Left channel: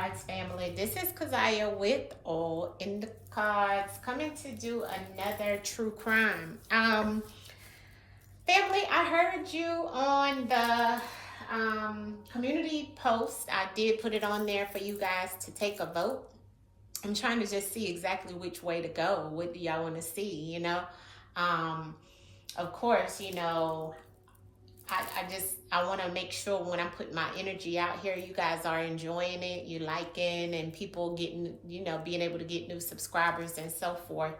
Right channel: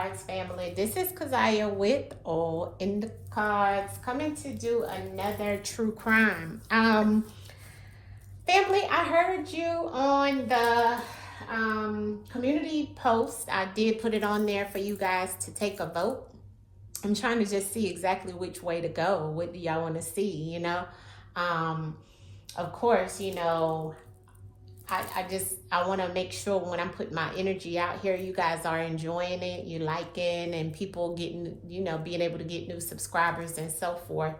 AllnDaKards family. This is Cashapp with AllnDaKards coming to do another true crime. Family, I heard you on the community post. I did put it on there for you guys to take a vote. I'm trying to just see exactly which way to go. What do y'all want to see, Of course, I want to make sure when I'm putting my energy out here, you guys are enjoying it, you liking, and people getting, being able to get new subscribers and so forth.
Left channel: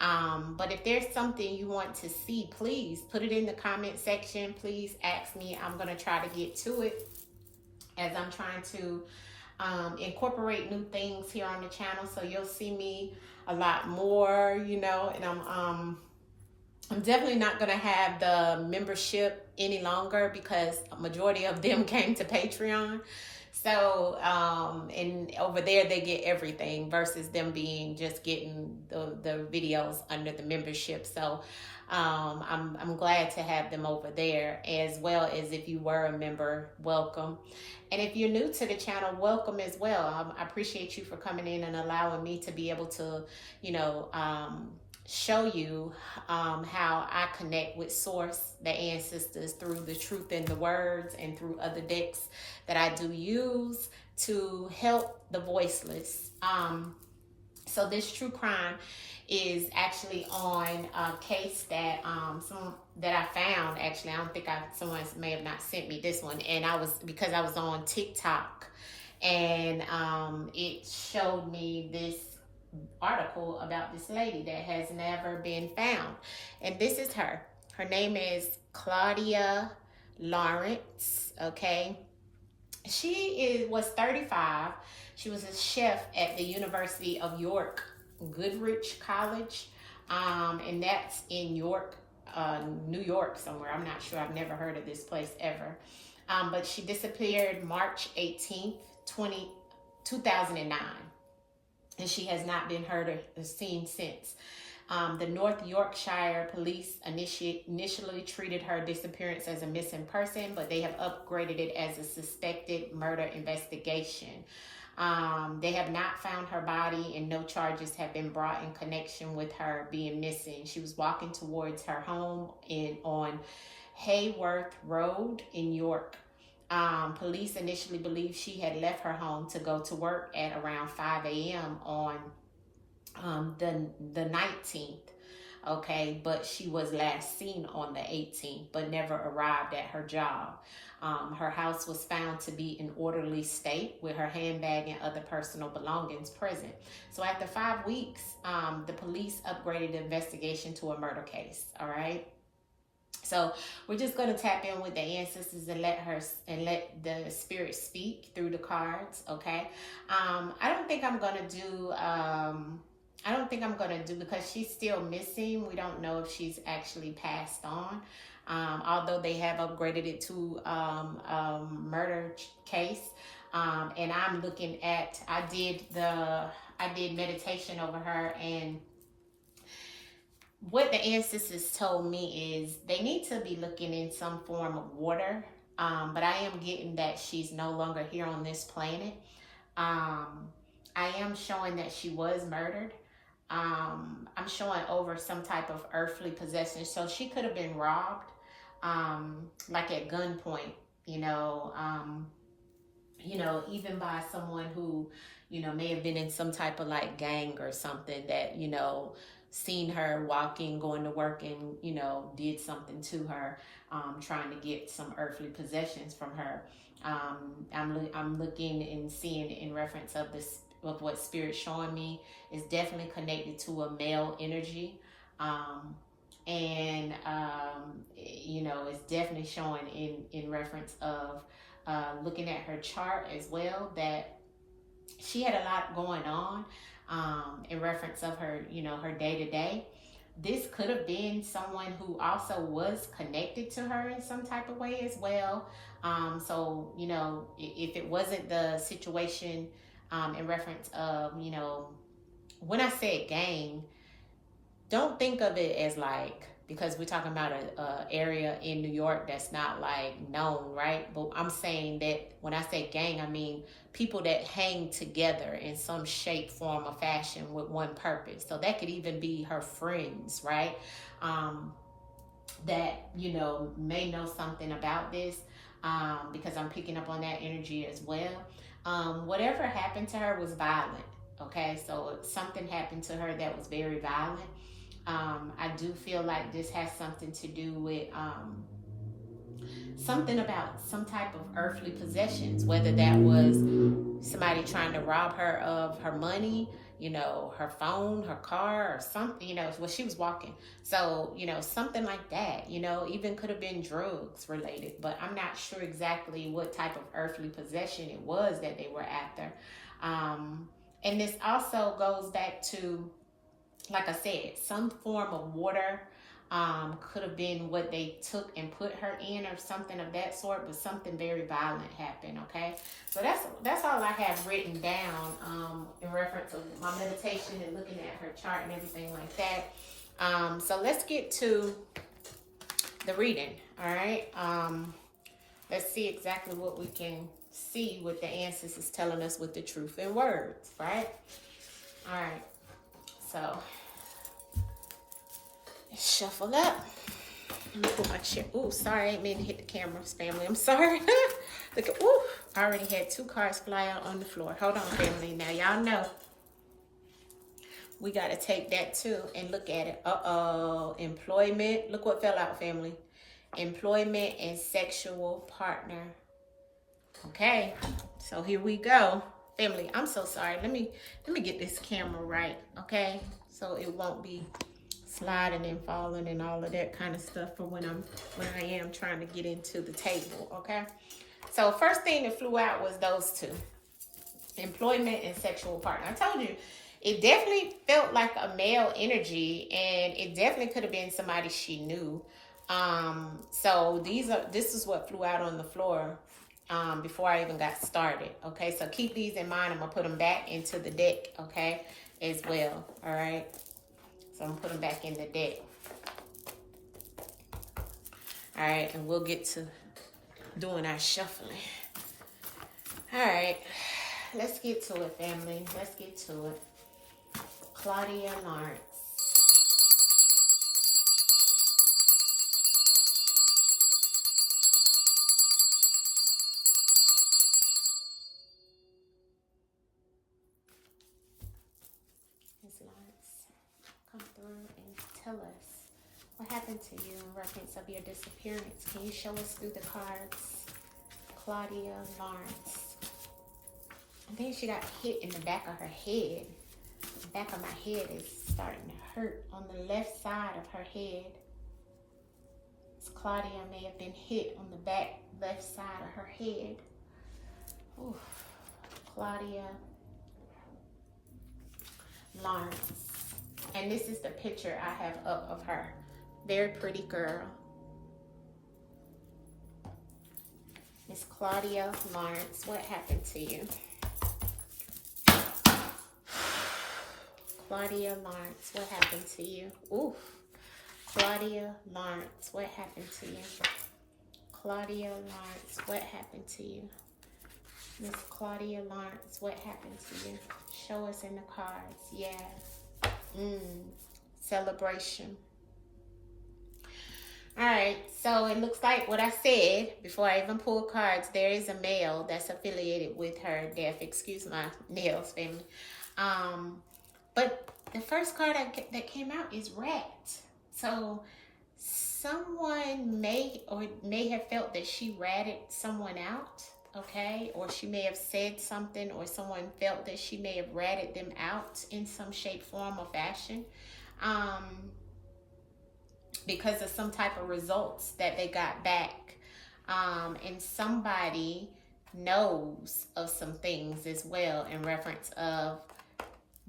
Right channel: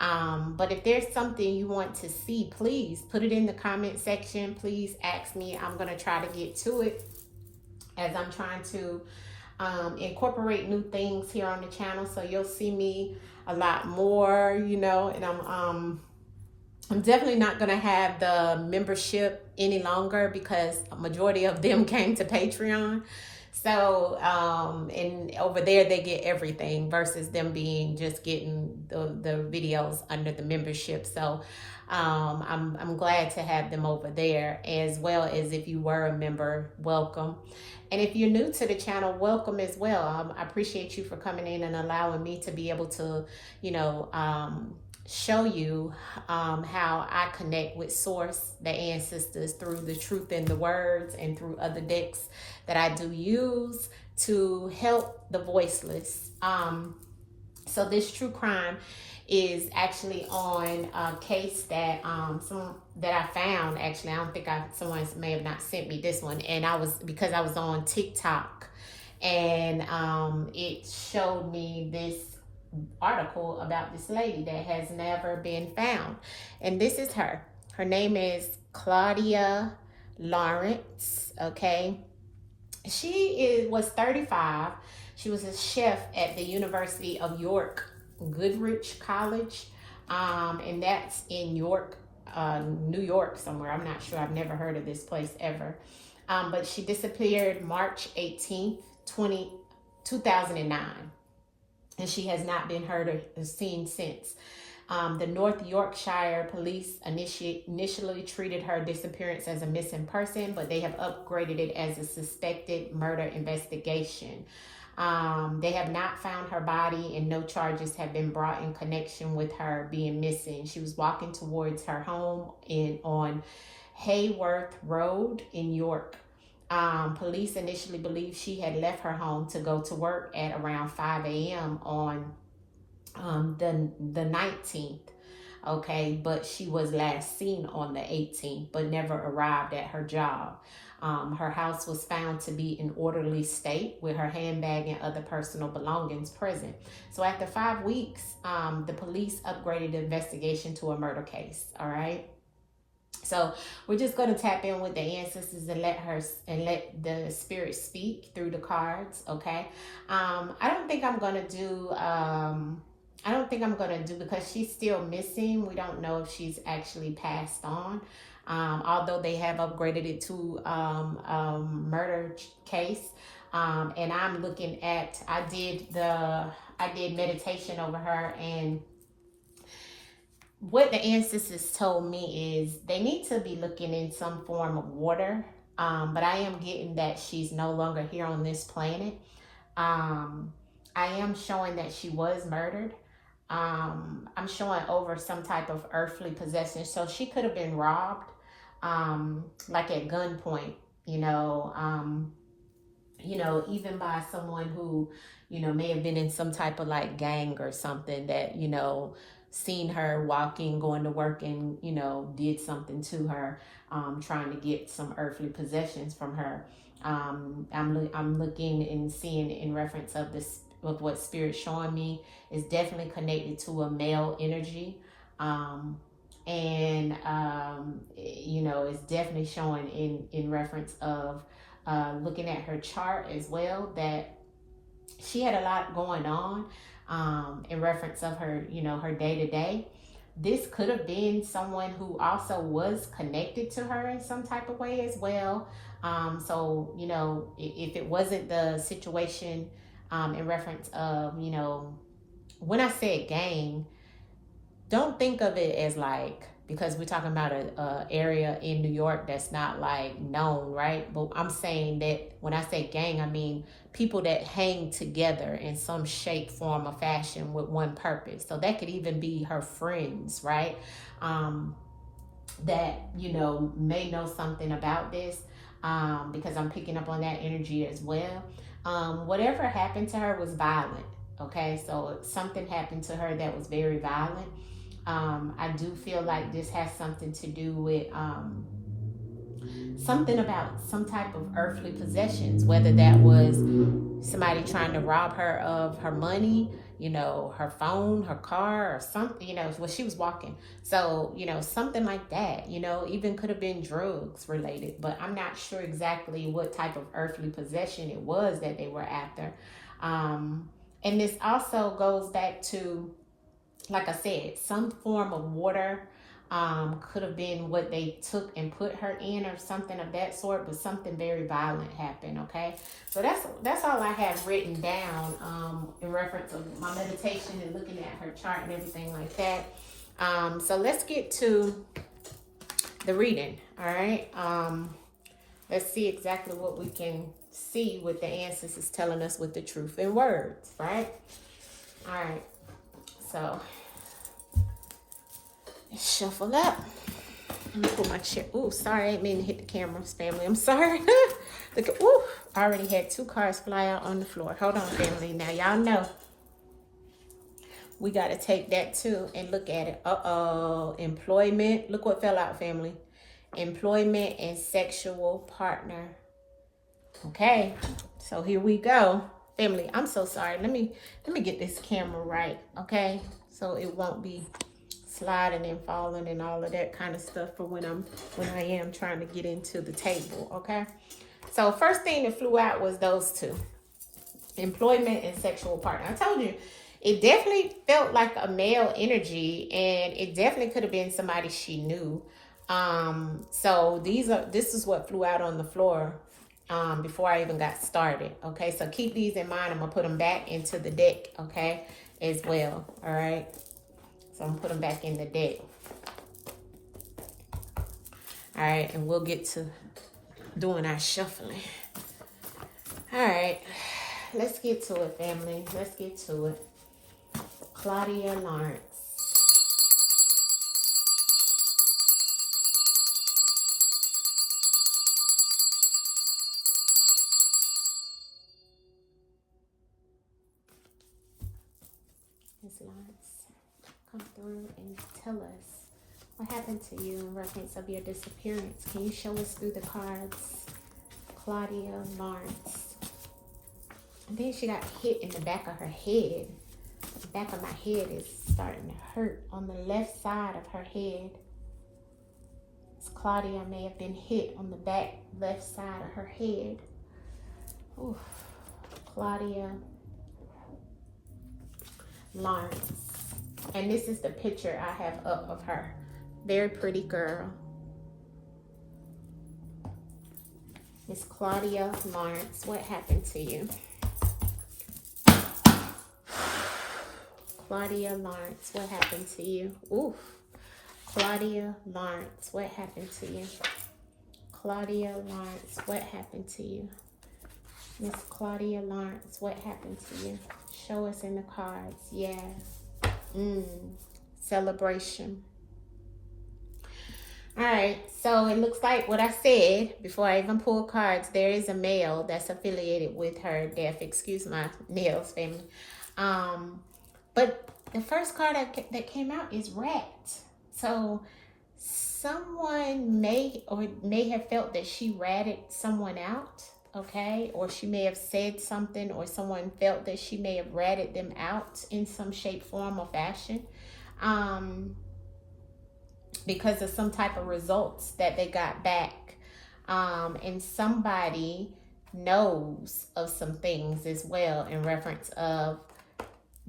But if there's something you want to see, please put it in the comment section. Please ask me. I'm going to try to get to it as I'm trying to incorporate new things here on the channel. So you'll see me a lot more, and I'm definitely not going to have the membership any longer because a majority of them came to Patreon. So, and over there they get everything versus them being just getting the videos under the membership. So, I'm glad to have them over there, as well as if you were a member, welcome. And if you're new to the channel, welcome as well. I appreciate you for coming in and allowing me to be able to, show you how I connect with Source, the ancestors, through the truth in the words and through other decks that I do use to help the voiceless. So this true crime is actually on a case that that I found. Actually, I don't think someone may have not sent me this one, and because I was on TikTok, and it showed me this article about this lady that has never been found, and this is her. Her name is Claudia Lawrence. Okay, she was 35. She was a chef at the University of York Goodrich College, and that's in York, New York somewhere. I'm not sure. I've never heard of this place ever. But she disappeared March 18th, 2009. And she has not been heard or seen since. The North Yorkshire police initially treated her disappearance as a missing person, but they have upgraded it as a suspected murder investigation. They have not found her body, and no charges have been brought in connection with her being missing. She was walking towards her home on Hayworth Road in York. Police initially believed she had left her home to go to work at around 5 a.m. on the 19th. Okay, but she was last seen on the 18th, but never arrived at her job. Her house was found to be in orderly state with her handbag and other personal belongings present. So after 5 weeks, the police upgraded the investigation to a murder case. All right. So we're just going to tap in with the ancestors and let the spirit speak through the cards. Okay. I don't think I'm going to do, because she's still missing. We don't know if she's actually passed on. Although they have upgraded it to murder case. And I'm looking at, I did meditation over her, and what the ancestors told me is they need to be looking in some form of water. But I am getting that she's no longer here on this planet. I am showing that she was murdered. I'm showing over some type of earthly possession. So she could have been robbed, like at gunpoint, even by someone who, may have been in some type of like gang or something that, seen her walking, going to work, and, did something to her, trying to get some earthly possessions from her. I'm looking and seeing in reference of this, of what Spirit's showing me is definitely connected to a male energy. It's definitely showing in reference of looking at her chart as well, that she had a lot going on in reference of her, her day-to-day. This could have been someone who also was connected to her in some type of way as well. So, if it wasn't the situation in reference of, when I said gang, don't think of it as like, because we're talking about a area in New York that's not like known, right? But I'm saying that when I say gang, I mean people that hang together in some shape, form, or fashion with one purpose. So that could even be her friends, right? That, you know, may know something about this, because I'm picking up on that energy as well. Whatever happened to her was violent. Okay, so something happened to her that was very violent. I do feel like this has something to do with something about some type of earthly possessions, whether that was somebody trying to rob her of her money, you know, her phone, her car, or something, you know, when she was walking. So, you know, something like that, you know, even could have been drugs related, but I'm not sure exactly what type of earthly possession it was that they were after. And this also goes back to, like I said, some form of water. Could have been what they took and put her in or something of that sort, but something very violent happened. Okay, so that's all I have written down in reference to my meditation and looking at her chart and everything like that. So let's get to the reading. All right, let's see exactly what we can see what the ancestors telling us with the truth in words. Right. All right, so shuffle up. Let me put my chair. Oh, sorry, I didn't mean to hit the camera, family. I'm sorry. Look at, ooh, I already had 2 cards fly out on the floor. Hold on, family. Now, y'all know we got to take that too and look at it. Uh-oh. Employment. Look what fell out, family. Employment and sexual partner. Okay. So here we go. Family, I'm so sorry. Let me get this camera right, okay? So it won't be sliding and falling and all of that kind of stuff for when I am trying to get into the table. Okay, so first thing that flew out was those 2, employment and sexual partner. I told you it definitely felt like a male energy, and it definitely could have been somebody she knew. So this is what flew out on the floor before I even got started. Okay, so keep these in mind. I'm gonna put them back into the deck, okay, as well. All right, so I'm putting back in the deck. All right, and we'll get to doing our shuffling. All right, let's get to it, family. Let's get to it. Claudia Lawrence. Ms. Lawrence, come through and tell us what happened to you in reference of your disappearance. Can you show us through the cards? Claudia Lawrence. I think she got hit in the back of her head. The back of my head is starting to hurt on the left side of her head. Claudia may have been hit on the back left side of her head. Oof. Claudia Lawrence. And this is the picture I have up of her. Very pretty girl. Miss Claudia Lawrence, what happened to you? Claudia Lawrence, what happened to you? Oof. Claudia Lawrence, what happened to you? Claudia Lawrence, what happened to you? Miss Claudia Lawrence, what happened to you? Show us in the cards. Yeah. Celebration. All right, so it looks like what I said before I even pulled cards, there is a male that's affiliated with her death. Excuse my nails, family. But the first card that came out is rat. So someone may have felt that she ratted someone out, okay? Or she may have said something, or someone felt that she may have ratted them out in some shape, form, or fashion. Because of some type of results that they got back. And somebody knows of some things as well in reference of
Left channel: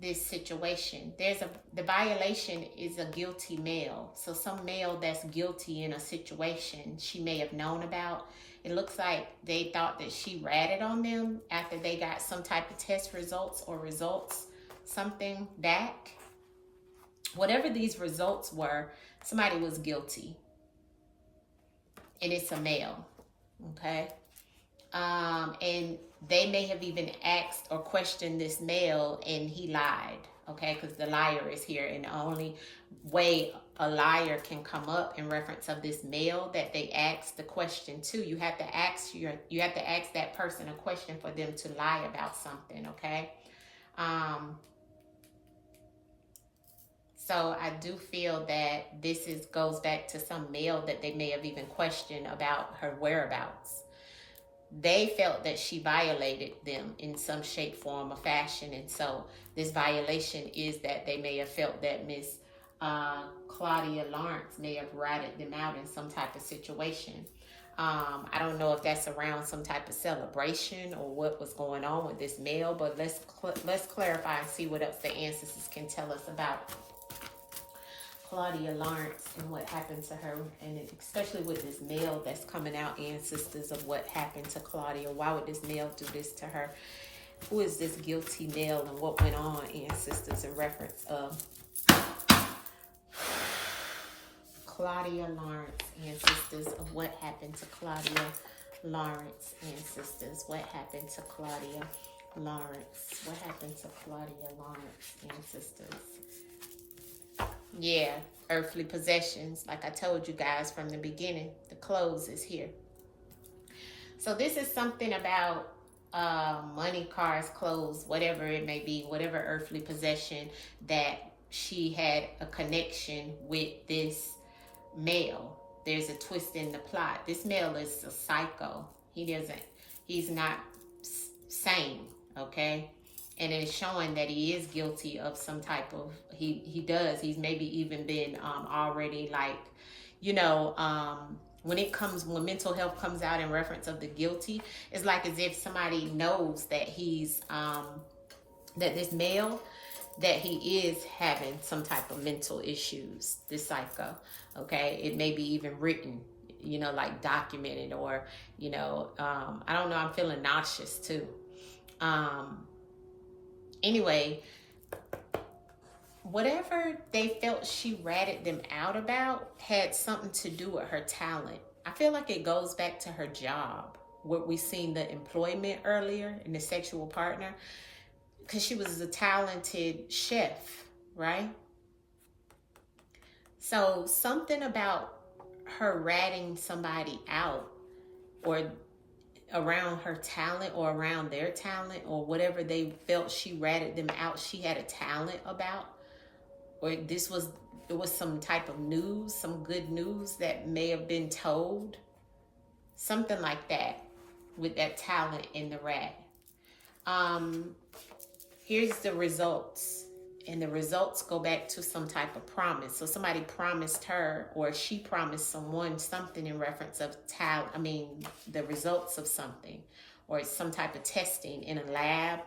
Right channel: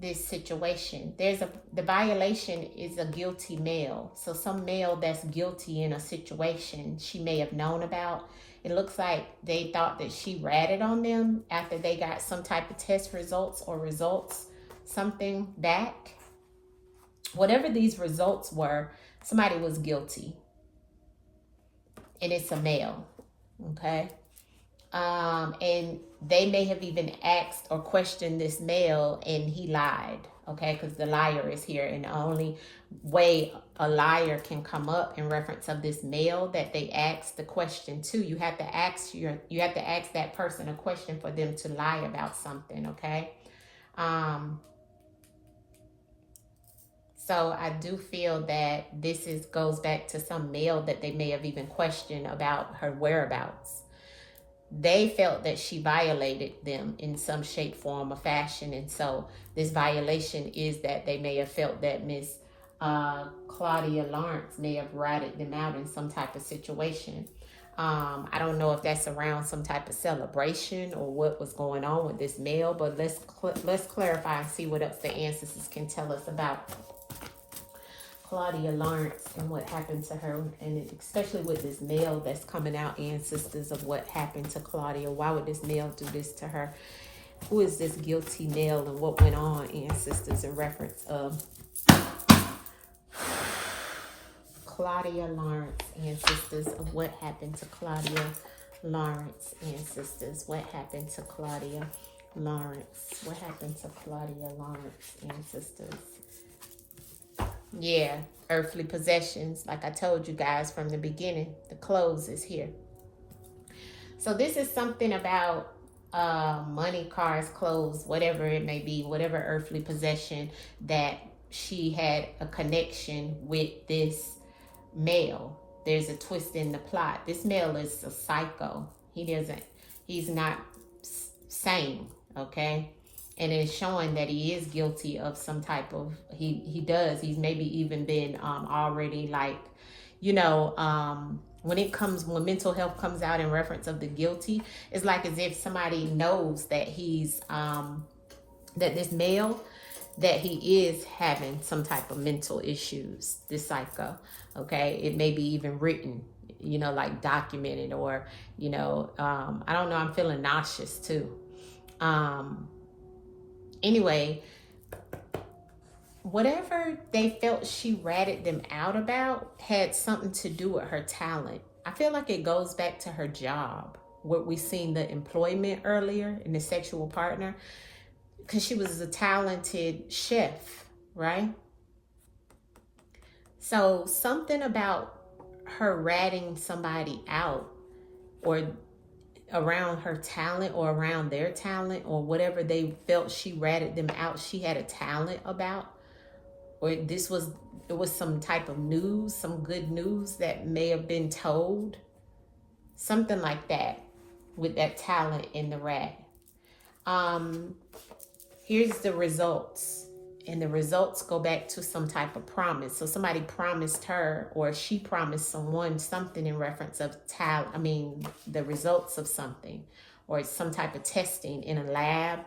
this situation. The violation is a guilty male. So some male that's guilty in a situation she may have known about. It looks like they thought that she ratted on them after they got some type of test results or something back. Whatever these results were, somebody was guilty. And it's a male. Okay. And they may have even asked or questioned this male, and he lied. Okay, because the liar is here, and the only way a liar can come up in reference of this male that they asked the question to, you have to ask that person a question for them to lie about something. Okay. So I do feel that this goes back to some male that they may have even questioned about her whereabouts. They felt that she violated them in some shape, form, or fashion. And so this violation is that they may have felt that Miss Claudia Lawrence may have ratted them out in some type of situation. I don't know if that's around some type of celebration or what was going on with this male, but let's clarify and see what else the ancestors can tell us about Claudia Lawrence and what happened to her, and especially with this male that's coming out, ancestors, of what happened to Claudia. Why would this male do this to her? Who is this guilty male, and what went on, ancestors, in reference of Claudia Lawrence, ancestors, of what happened to Claudia Lawrence, ancestors. What happened to Claudia Lawrence? What happened to Claudia Lawrence, ancestors? Yeah, earthly possessions. Like I told you guys from the beginning, the clothes is here. So this is something about money, cars, clothes, whatever it may be, whatever earthly possession, that she had a connection with this male. There's a twist in the plot. This male is a psycho. He's not sane, okay? And it's showing that he is guilty of some type of, he's maybe even been already, like, you know, when mental health comes out in reference of the guilty, it's like as if somebody knows that he's, that this male, that he is having some type of mental issues, this psycho, okay? It may be even written, you know, like documented, or, you know, I don't know, I'm feeling nauseous too. Anyway, whatever they felt she ratted them out about had something to do with her talent. I feel like it goes back to her job, what we seen the employment earlier in the sexual partner, because she was a talented chef, right? So something about her ratting somebody out, or around her talent, or around their talent, or whatever they felt she ratted them out, she had a talent about, or it was some type of news, some good news that may have been told, something like that, with that talent in the rat. Here's the results, and the results go back to some type of promise. So somebody promised her, or she promised someone something in reference of talent. I mean, the results of something, or some type of testing in a lab.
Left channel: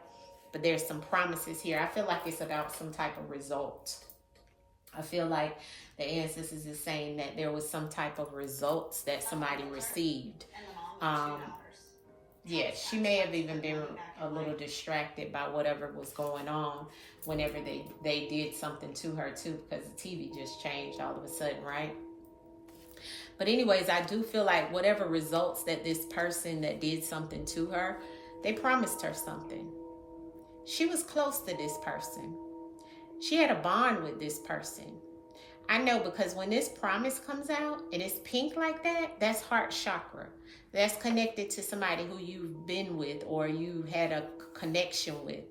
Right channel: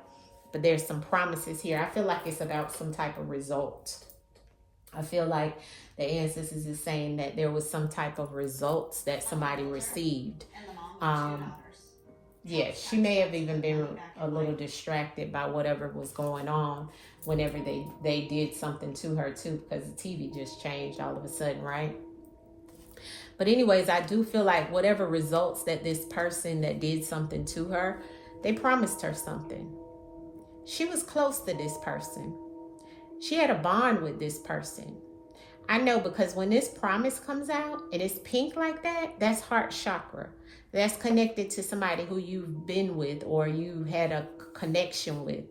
But there's some promises here. I feel like it's about some type of result. I feel like the ancestors is saying that there was some type of results that somebody received. Yeah, she may have even been a little distracted by whatever was going on whenever they did something to her too, because the TV just changed all of a sudden, right? But anyways, I do feel like whatever results that this person that did something to her, they promised her something. She was close to this person. She had a bond with this person. I know, because when this promise comes out and it's pink like that, that's heart chakra. That's connected to somebody who you've been with, or you had a connection with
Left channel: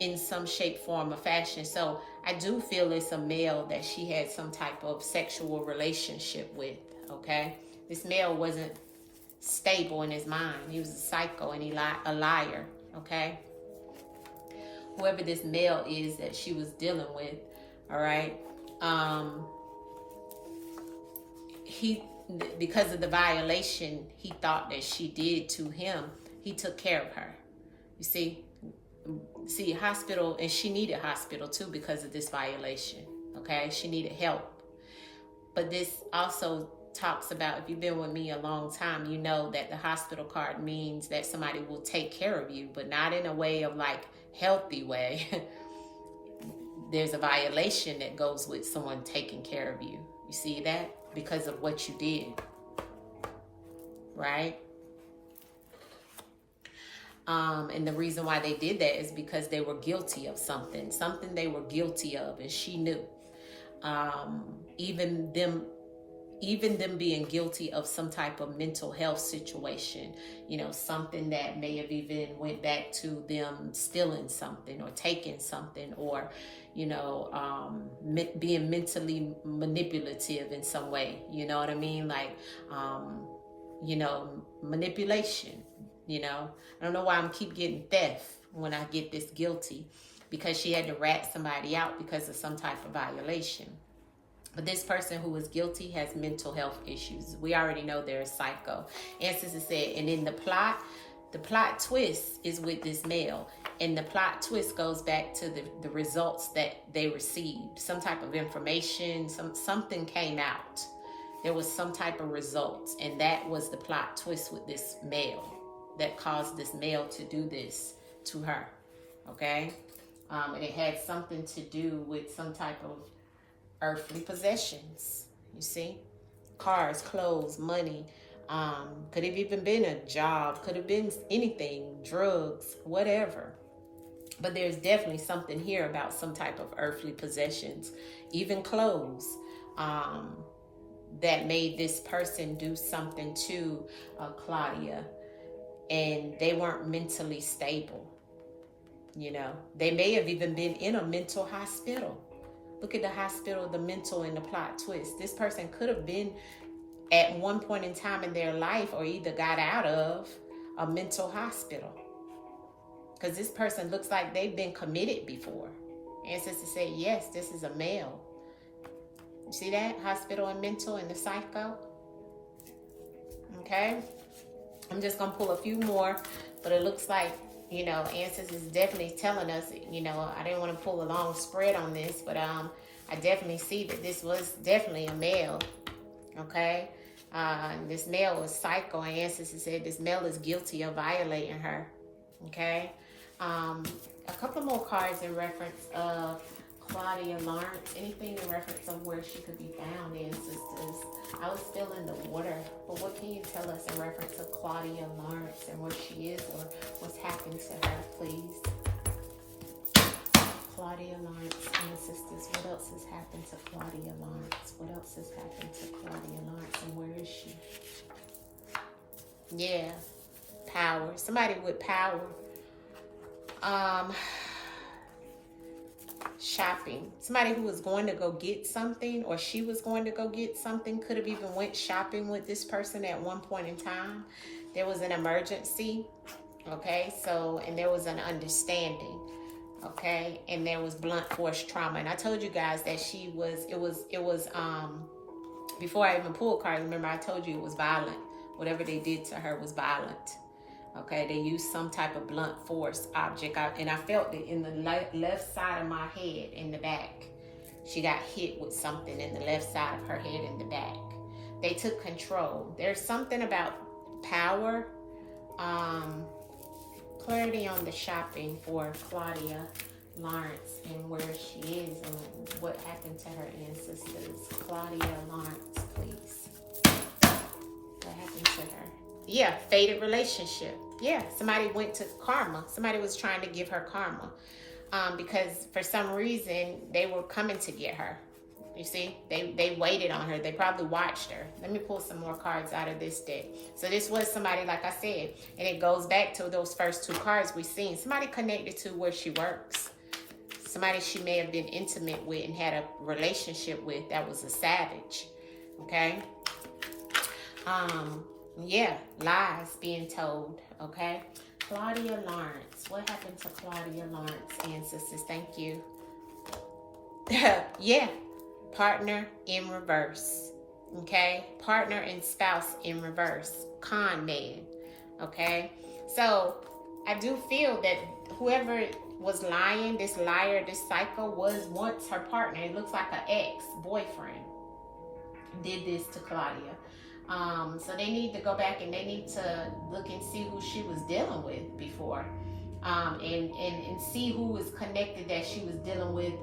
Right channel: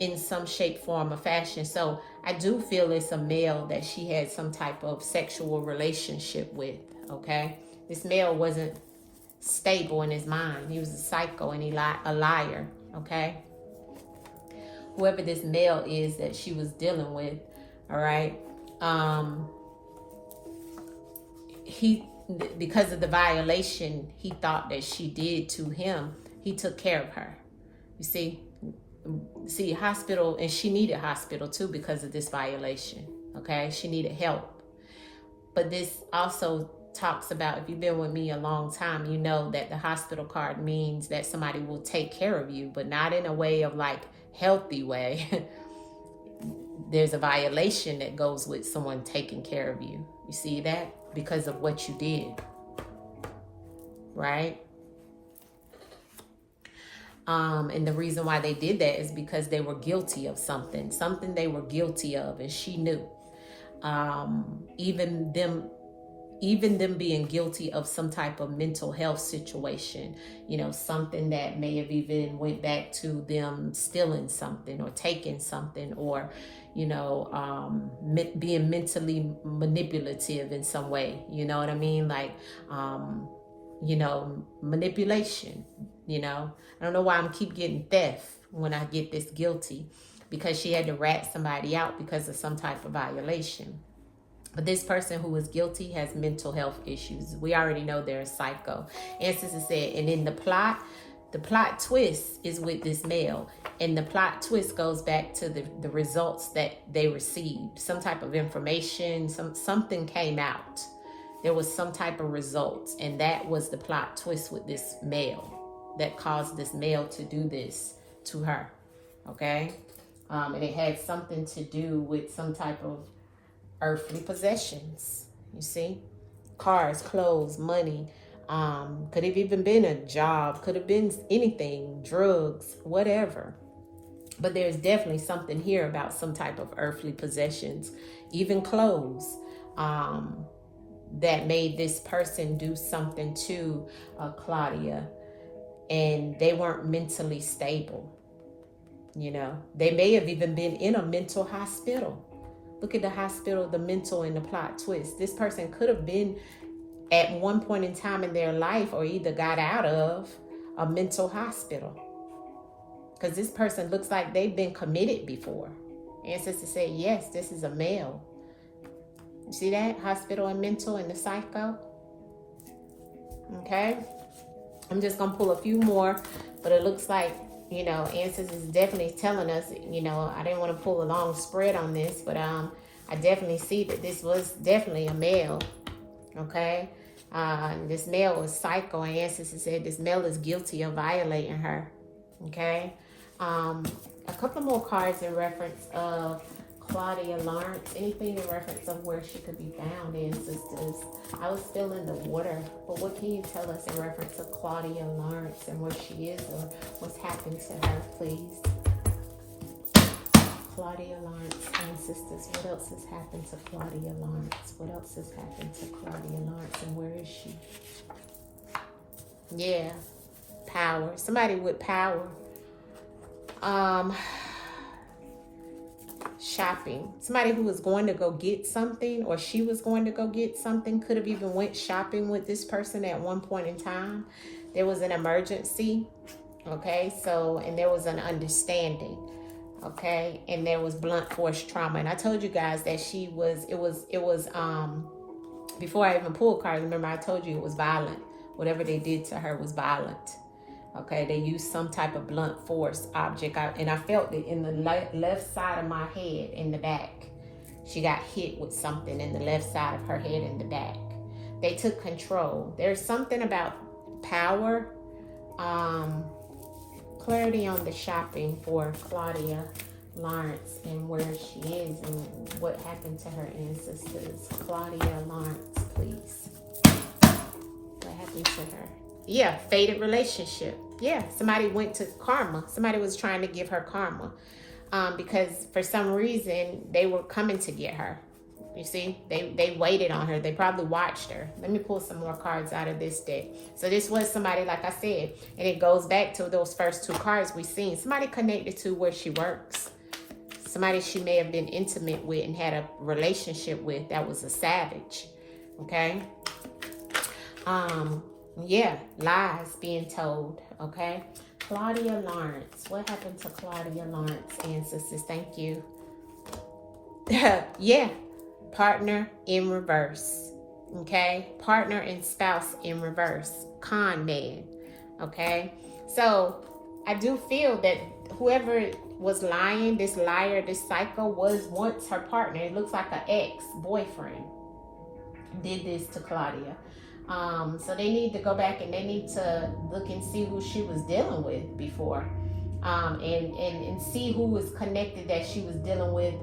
in some shape, form, or fashion. So I do feel it's a male that she had some type of sexual relationship with, okay? This male wasn't stable in his mind. He was a psycho, and a liar, okay? Whoever this male is that she was dealing with, all right? Because of the violation he thought that she did to him, he took care of her. You see, hospital, and she needed hospital too because of this violation, okay? She needed help. But this also talks about, if you've been with me a long time, you know that the hospital card means that somebody will take care of you, but not in a way of like healthy way. There's a violation that goes with someone taking care of you. You see that? Because of what you did, right? And the reason why they did that is because they were guilty of something they were guilty of, and she knew. Even them being guilty of some type of mental health situation, something that may have even went back to them stealing something or taking something, or being mentally manipulative in some way, you know what I mean? Like manipulation. I don't know why I'm keep getting theft when I get this guilty, because she had to rat somebody out because of some type of violation. But this person who was guilty has mental health issues. We already know they're a psycho. Ancestors said, and in the plot twist is with this male. And the plot twist goes back to the results that they received. Some type of information, something came out. There was some type of results. And that was the plot twist with this male that caused this male to do this to her. Okay? And it had something to do with some type of earthly possessions, you see, cars, clothes, money, could have even been a job, could have been anything, drugs, whatever. But there's definitely something here about some type of earthly possessions, even clothes, that made this person do something to Claudia, and they weren't mentally stable. They may have even been in a mental hospital. Look at the hospital, the mental, and the plot twist. This person could have been at one point in time in their life, or either got out of a mental hospital. Because this person looks like they've been committed before. Ancestors say, yes, this is a male. You see that? Hospital and mental and the psycho. Okay. I'm just going to pull a few more, but it looks like, Ancestors is definitely telling us, I didn't want to pull a long spread on this, but I definitely see that this was definitely a male, okay? This male was psycho, and Ancestors said this male is guilty of violating her, okay? A couple more cards in reference of Claudia Lawrence. Anything in reference of where she could be found, Ancestors. I was still in the water, but what can you tell us in reference to Claudia Lawrence and where she is, or what's happened to her, please? Claudia Lawrence, Ancestors. What else has happened to Claudia Lawrence? What else has happened to Claudia Lawrence, and where is she? Yeah, power. Somebody with power. Shopping. Somebody who was going to go get something, or she was going to go get something, could have even went shopping with this person at one point in time. There was an emergency, okay? So, and there was an understanding, okay? And there was blunt force trauma. And I told you guys that it was before I even pulled cards, remember I told you it was violent. Whatever they did to her was violent. Okay, they used some type of blunt force object, and I felt it in the left side of my head, in the back. She got hit with something in the left side of her head, in the back. They took control. There's something about power. Clarity on the shopping for Claudia Lawrence and where she is and what happened to her ancestors. Claudia Lawrence, please. What happened to her? Yeah, fated relationship. Yeah, somebody went to karma. Somebody was trying to give her karma because for some reason they were coming to get her. You see, they waited on her. They probably watched her. Let me pull some more cards out of this deck. So this was somebody, like I said, and it goes back to those first two cards we seen. Somebody connected to where she works. Somebody she may have been intimate with and had a relationship with that was a savage. Okay. Yeah, lies being told, okay? Claudia Lawrence. What happened to Claudia Lawrence, ancestors? Thank you. Yeah, partner in reverse, okay? Partner and spouse in reverse. Con man, okay? So, I do feel that whoever was lying, this liar, this psycho, was once her partner. It looks like an ex-boyfriend did this to Claudia. So they need to go back and they need to look and see who she was dealing with before, and see who was connected that she was dealing with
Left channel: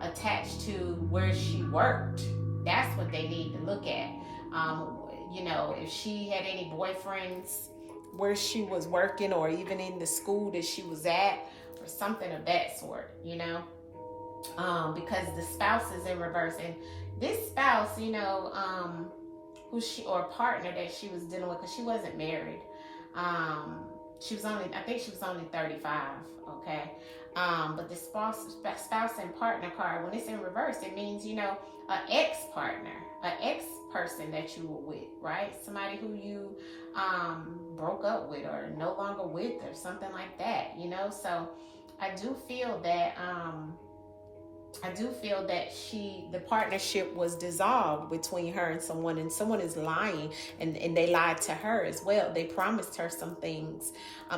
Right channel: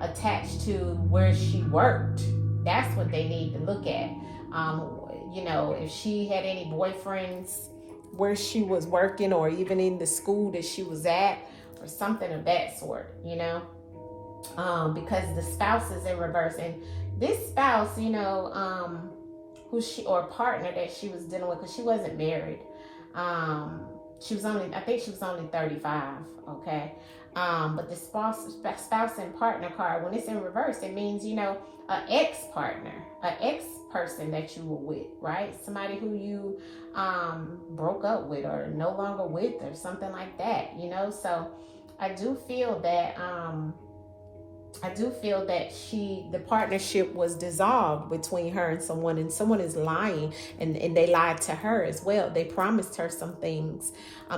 attached to where she worked. That's what they need to look at. If she had any boyfriends where she was working, or even in the school that she was at, or something of that sort, you know. Because the spouse is in reverse, and this spouse, you know, who she, or partner that she was dealing with, because she wasn't married. She was only, I think she was only 35, okay? But the spouse and partner card, when it's in reverse, it means, you know, an ex-partner, an ex-person that you were with, right? Somebody who you broke up with or no longer with, or something like that, you know? So I do feel that the partnership was dissolved between her and someone is lying, and they lied to her as well. They promised her some things.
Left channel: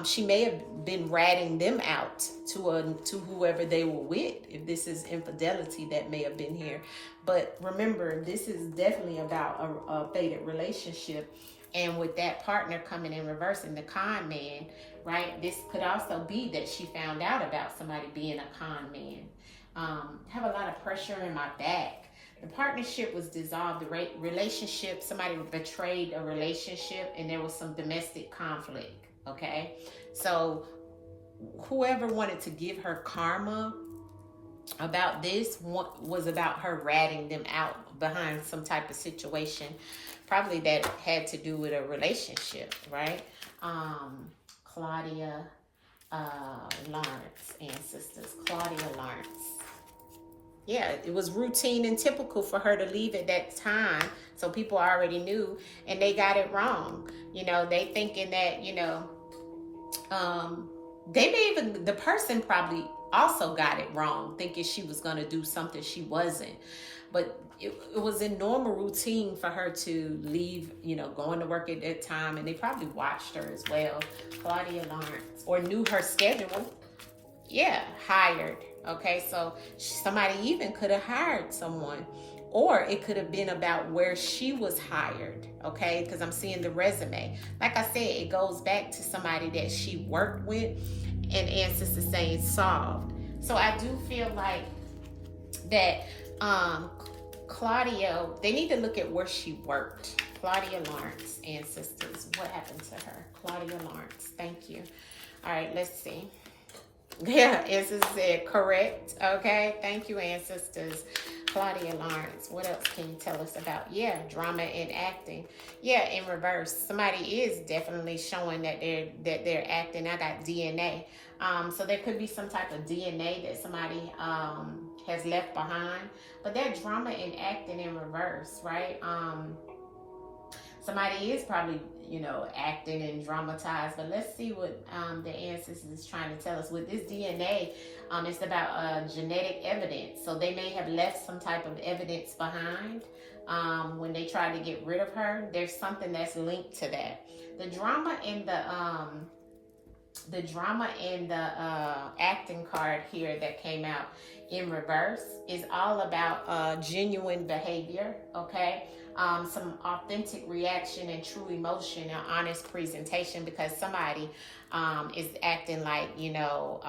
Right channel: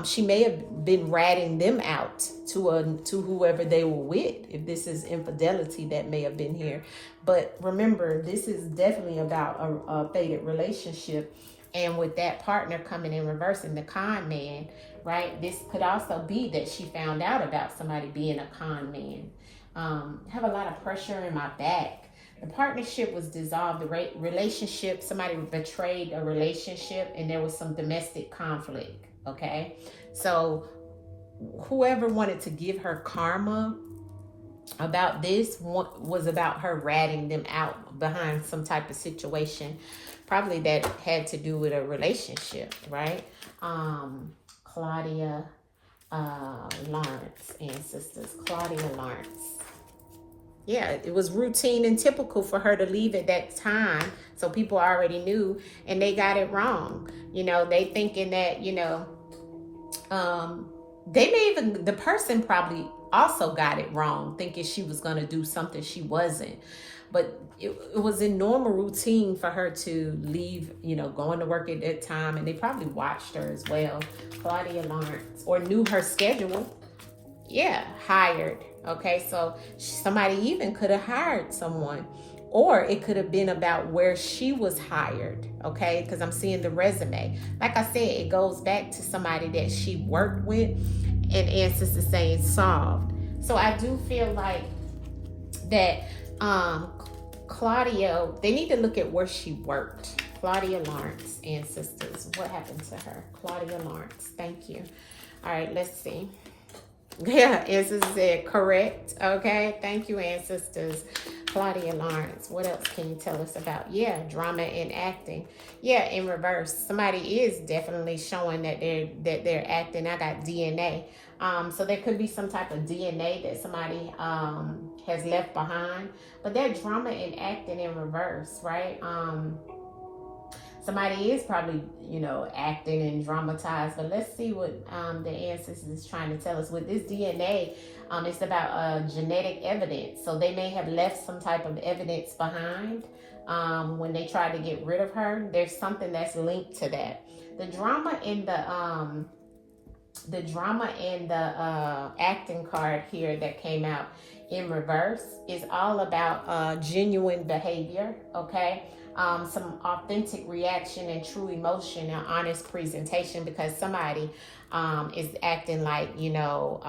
She may have been ratting them out to whoever they were with, if this is infidelity that may have been here. But remember, this is definitely about a faded relationship. And with that partner coming in reverse and the con man, right? This could also be that she found out about somebody being a con man. Have a lot of pressure in my back. The partnership was dissolved. The relationship, somebody betrayed a relationship, and there was some domestic conflict. Okay, so whoever wanted to give her karma about this was about her ratting them out behind some type of situation, probably that had to do with a relationship, right? Claudia Lawrence, ancestors, Claudia Lawrence. Yeah, it was routine and typical for her to leave at that time. So people already knew, and they got it wrong. You know, they thinking that, you know, the person probably also got it wrong, thinking she was going to do something she wasn't. But it was in normal routine for her to leave, you know, going to work at that time. And they probably watched her as well. Claudia Lawrence, or knew her schedule. Yeah, hired. Okay, so somebody even could have hired someone, or it could have been about where she was hired. Okay, because I'm seeing the resume. Like I said, it goes back to somebody that she worked with, and ancestors saying solved. So I do feel like that Claudia, they need to look at where she worked. Claudia Lawrence, ancestors, what happened to her? Claudia Lawrence, thank you. All right, let's see. Yeah, ancestors said correct. Okay, thank you, ancestors. Claudia Lawrence, what else can you tell us about? Yeah, drama and acting. Yeah, in reverse, somebody is definitely showing that they're acting. I got DNA. So there could be some type of DNA that somebody has left behind, but they're drama and acting in reverse, right? Somebody is probably, you know, acting and dramatized, but let's see what the ancestors is trying to tell us. With this DNA, it's about genetic evidence. So they may have left some type of evidence behind when they tried to get rid of her. There's something that's linked to that. The drama in the acting card here that came out in reverse is all about genuine behavior, okay? Some authentic reaction and true emotion and honest presentation, because somebody is acting like, you know,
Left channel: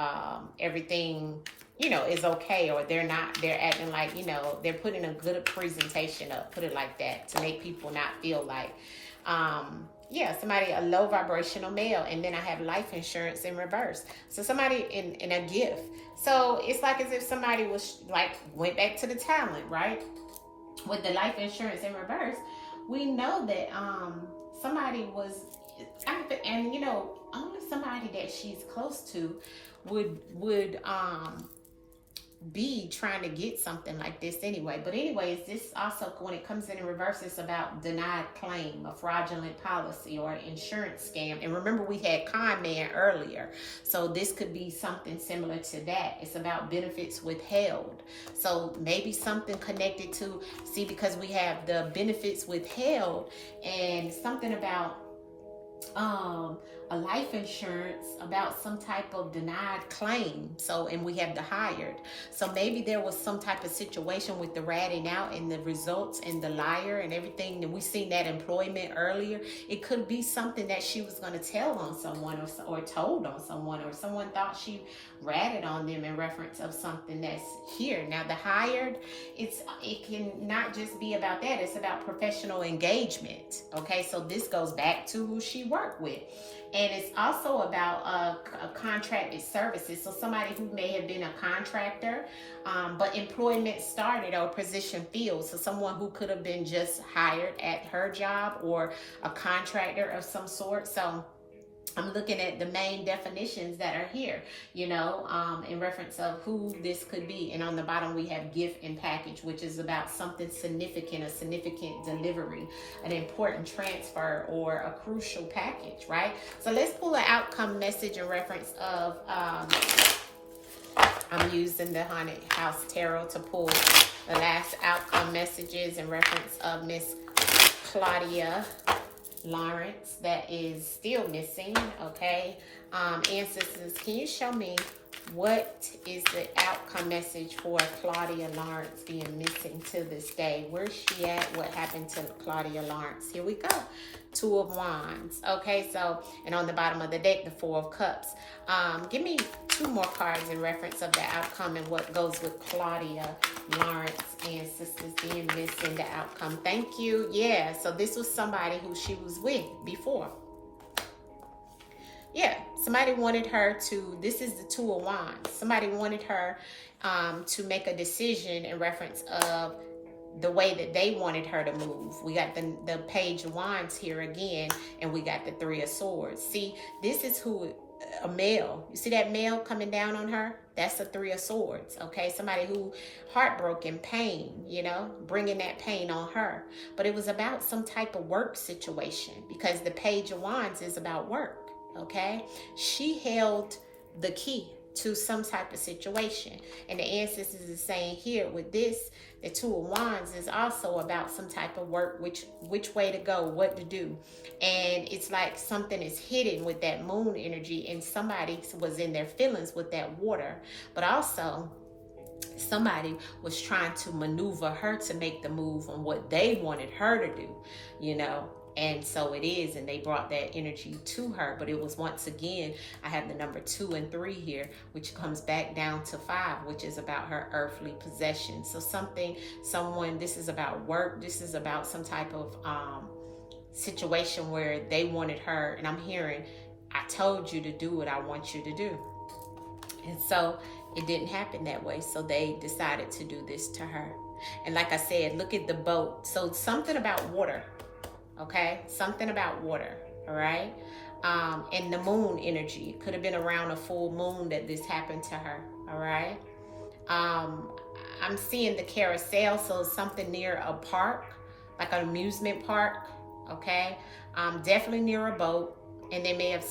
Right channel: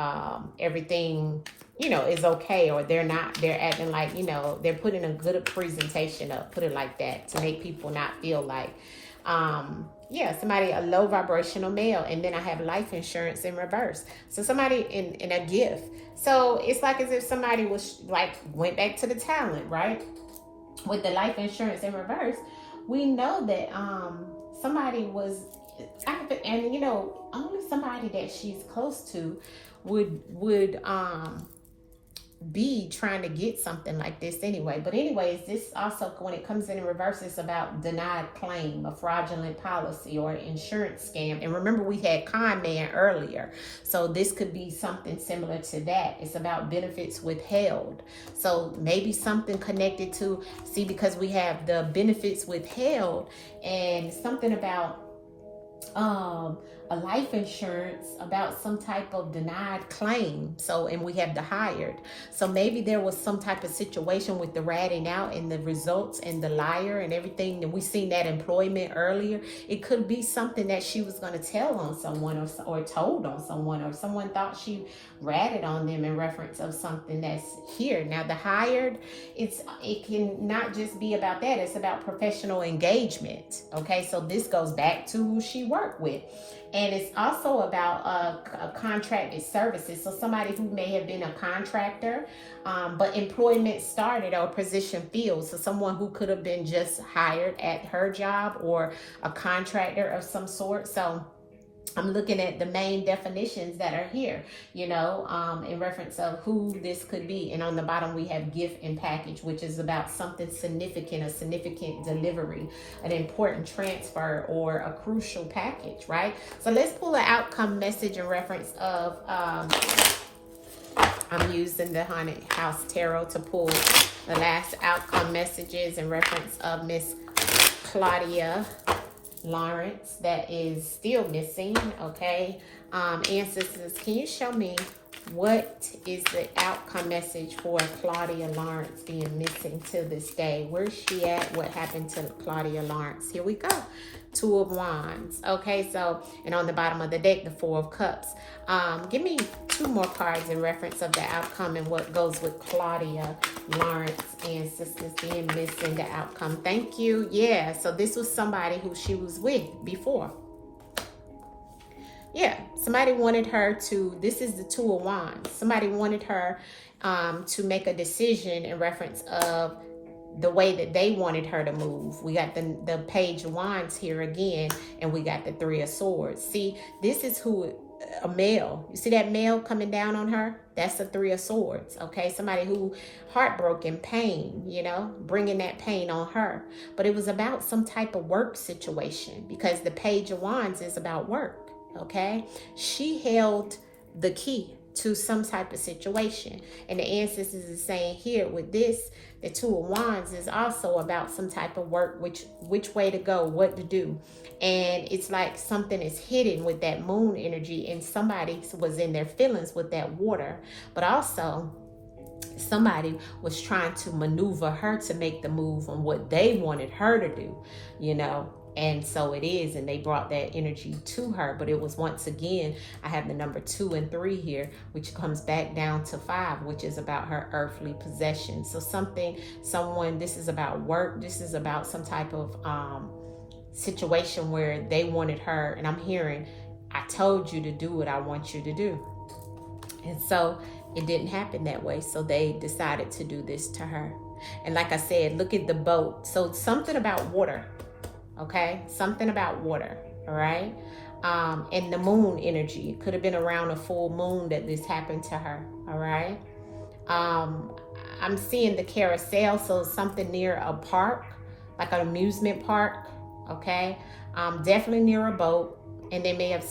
everything, you know, is okay, or they're acting like, you know, they're putting a good presentation up, put it like that, to make people not feel like, yeah, somebody, a low vibrational male. And then I have life insurance in reverse. So somebody in a gift. So it's like as if somebody was like, went back to the talent, right? With the life insurance in reverse, we know that somebody was, and you know, only somebody that she's close to would be trying to get something like this anyway. But anyways, this also, when it comes in reverse, it's about denied claim, a fraudulent policy, or an insurance scam. And remember, we had con man earlier, so this could be something similar to that. It's about benefits withheld. So maybe something connected to, see, because we have the benefits withheld, and something about a life insurance, about some type of denied claim. So, and we have the hired. So maybe there was some type of situation with the ratting out and the results and the liar and everything. And we seen that employment earlier. It could be something that she was going to tell on someone, or told on someone, or someone thought she ratted on them in reference of something that's here. Now the hired, it can not just be about that. It's about professional engagement. Okay, so this goes back to who she worked with. And it's also about contracted services. So somebody who may have been a contractor, but employment started or position filled. So someone who could have been just hired at her job or a contractor of some sort. So I'm looking at the main definitions that are here, you know, in reference of who this could be. And on the bottom, we have gift and package, which is about something significant, a significant delivery, an important transfer, or a crucial package, right? So let's pull an outcome message in reference of, I'm using the Haunted House Tarot to pull the last outcome messages in reference of Miss Claudia Lawrence that is still missing. Okay, ancestors, can you show me what is the outcome message for Claudia Lawrence being missing to this day? Where's she at? What happened to Claudia Lawrence? Here we go. Two of Wands. Okay, so, and on the bottom of the deck, the Four of Cups. Give me two more cards in reference of the outcome and what goes with Claudia Lawrence and sisters being missing the outcome. Thank you. Yeah, so this was somebody who she was with before. Yeah, somebody wanted her to, this is the Two of Wands. Somebody wanted her to make a decision in reference of the way that they wanted her to move. We got the Page of Wands here again, and we got the Three of Swords. See, this is who, a male. You see that male coming down on her? That's the Three of Swords, okay? Somebody who heartbroken, pain, you know, bringing that pain on her. But it was about some type of work situation, because the Page of Wands is about work, okay? She held the key to some type of situation. And the ancestors is saying here with this, the Two of Wands is also about some type of work, which way to go, what to do. And it's like something is hidden with that moon energy, and somebody was in their feelings with that water. But also, somebody was trying to maneuver her to make the move on what they wanted her to do, you know. And so it is, and they brought that energy to her. But it was, once again, I have the number 2 and 3 here, which comes back down to 5, which is about her earthly possession. So someone, this is about work. This is about some type of situation where they wanted her, and I'm hearing, I told you to do what I want you to do. And so it didn't happen that way. So they decided to do this to her. And like I said, look at the boat. So it's something about water. Okay, something about water, all right? And the moon energy. It could have been around a full moon that this happened to her, all right? I'm seeing the carousel, so something near a park, like an amusement park, okay? Definitely near a boat, and they may have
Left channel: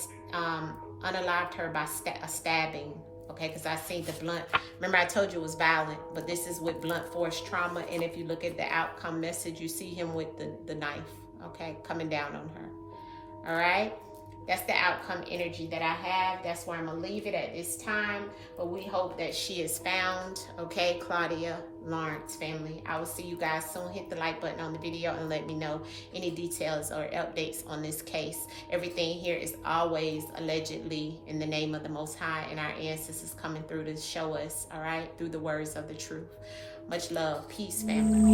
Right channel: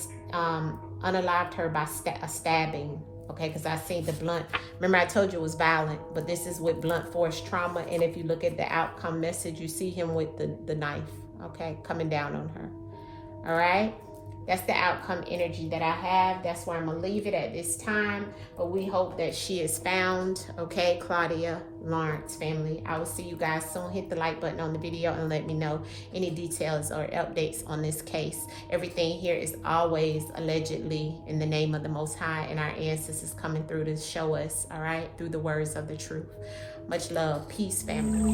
unalived her by a stabbing, okay? Because I see the blunt. Remember, I told you it was violent, but this is with blunt force trauma. And if you look at the outcome message, you see him with the knife. Okay, coming down on her. All right, that's the outcome energy that I have. That's where I'm gonna leave it at this time. But we hope that she is found. Okay, Claudia Lawrence family. I will see you guys soon. Hit the like button on the video and let me know any details or updates on this case. Everything here is always allegedly in the name of the Most High, and our ancestors coming through to show us. All right, through the words of the truth. Much love, peace, family.